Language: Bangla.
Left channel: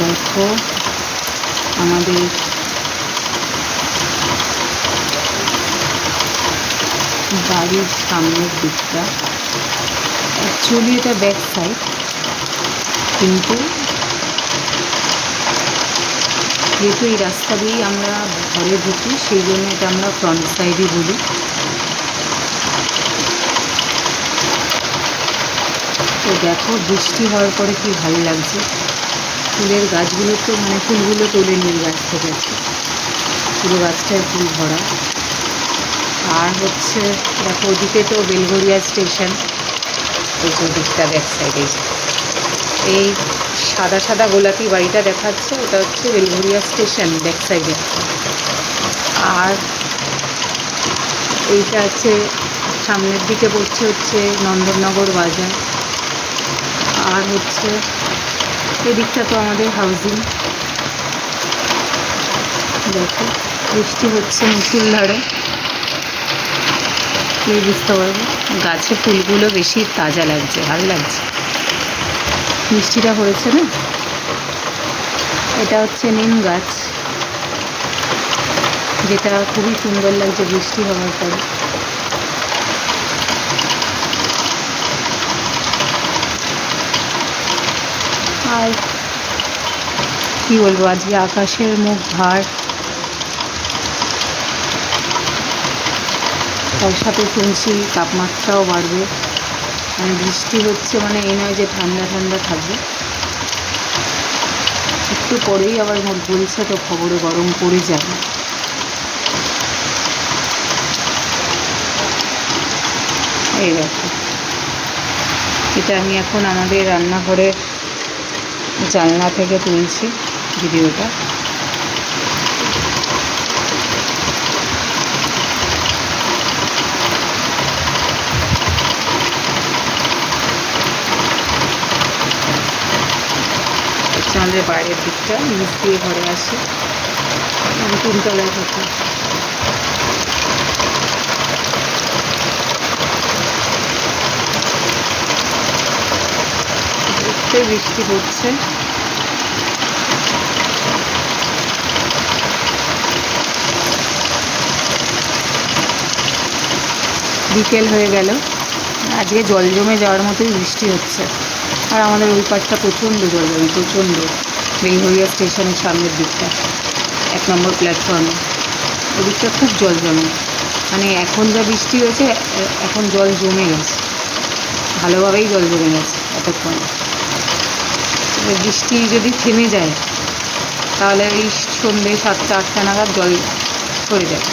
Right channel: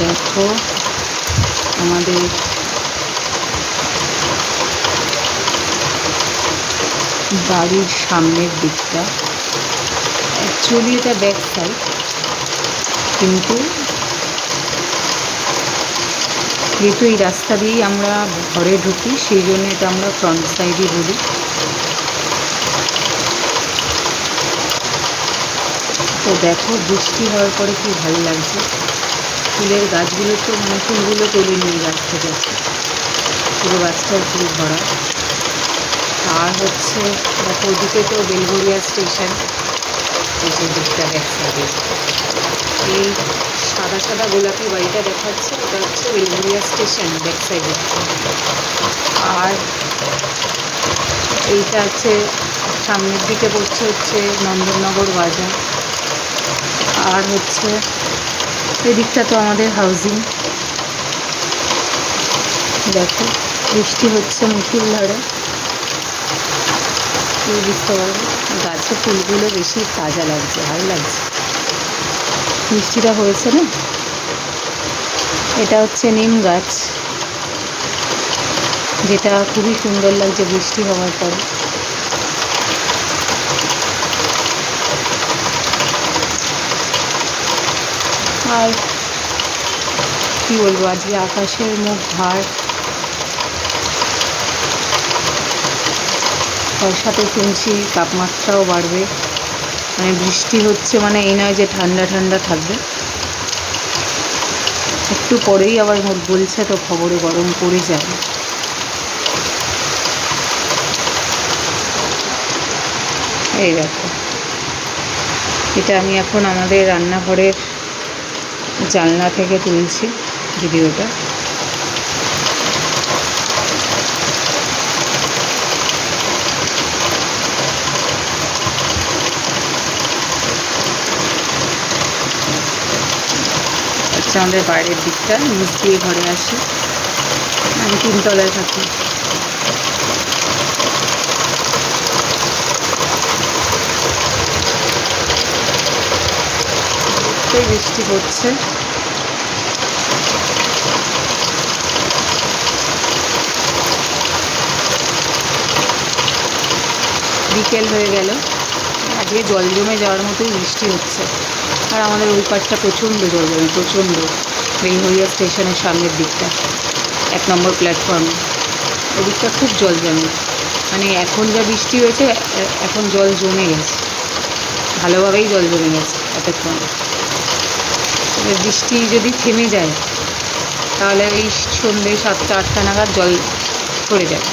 দেখো আমাদের বাড়ির সামনের দিকটা, অ্যাকচুয়ালি এটা ব্যাক সাইড, কিন্তু যেহেতু এই রাস্তা দিয়েই আমরা ঘরে ঢুকি সেই জন্য এটা আমরা ফ্রন্ট সাইডই বলি। তো দেখো বৃষ্টি হওয়ার পরে কি ভালো লাগছে, ফুলের গাছগুলো তো মানে ফুলগুলো তোলে নিয়ে গাছ থেকে, পুরো গাছটায় ফুল ভরা। আর হচ্ছে দেখো ওদিকে তো বেলঘরিয়া স্টেশন, এই যে দিকটা ব্যাক সাইডে এই সাদা সাদা গোলাপি বাড়িটা দেখাচ্ছে, ওটা হচ্ছে বেলঘরিয়া স্টেশন ব্যাক সাইডে। আর এইটা হচ্ছে সামনের দিকে পড়ছে হচ্ছে নন্দননগর বাজার। আর হচ্ছে এদিকটা তো আমাদের হাউজিং। দেখো বৃষ্টি হচ্ছে মুষলধারে, কি বুঝতে পারবে, গাছে ফুলগুলো বেশি তাজা লাগছে, ভালো লাগছে, বৃষ্টিটা হয়েছে না। এটা হচ্ছে নিম গাছ, যেটা খুবই সুন্দর লাগছে বৃষ্টি হওয়ার পরে। আর কি বলবো, আজকে আকাশের মুখ ভার, তার সাথে শুনছি তাপমাত্রাও বাড়বে, মানে বৃষ্টি হচ্ছে মানে এই নয় যে ঠান্ডা ঠান্ডা থাকবে, একটু পরেই আবার বলছে তো খবরে গরম পড়ে যাবে। এই দেখো এটা আমি এখন আমাদের রান্নাঘরের জানলা থেকে তুলছি ভিডিওটা। হচ্ছে আমাদের বাইরের দিকটা নিচ দিয়ে ঘরে আসি, আমি 3 তলায় থাকি। একটুই বৃষ্টি পড়ছে, বিকেল হয়ে গেল, আজকে জল জমে যাওয়ার মতোই বৃষ্টি হচ্ছে। আর আমাদের ওই পাশটা প্রচণ্ড জল জমে, প্রচণ্ড, বেলঘরিয়া স্টেশনের সামনের দিকটা 1 নম্বর প্ল্যাটফর্মে ওই দিকটা খুব জল জমে, মানে এখন যা বৃষ্টি হয়েছে এখন জল জমে গেছে, ভালোভাবেই জল জমে গেছে এতক্ষণ। এবার বৃষ্টি যদি থেমে যায় তাহলে এই সন্ধ্যে 7টা 8টা নাগাদ জল সরে যাবে।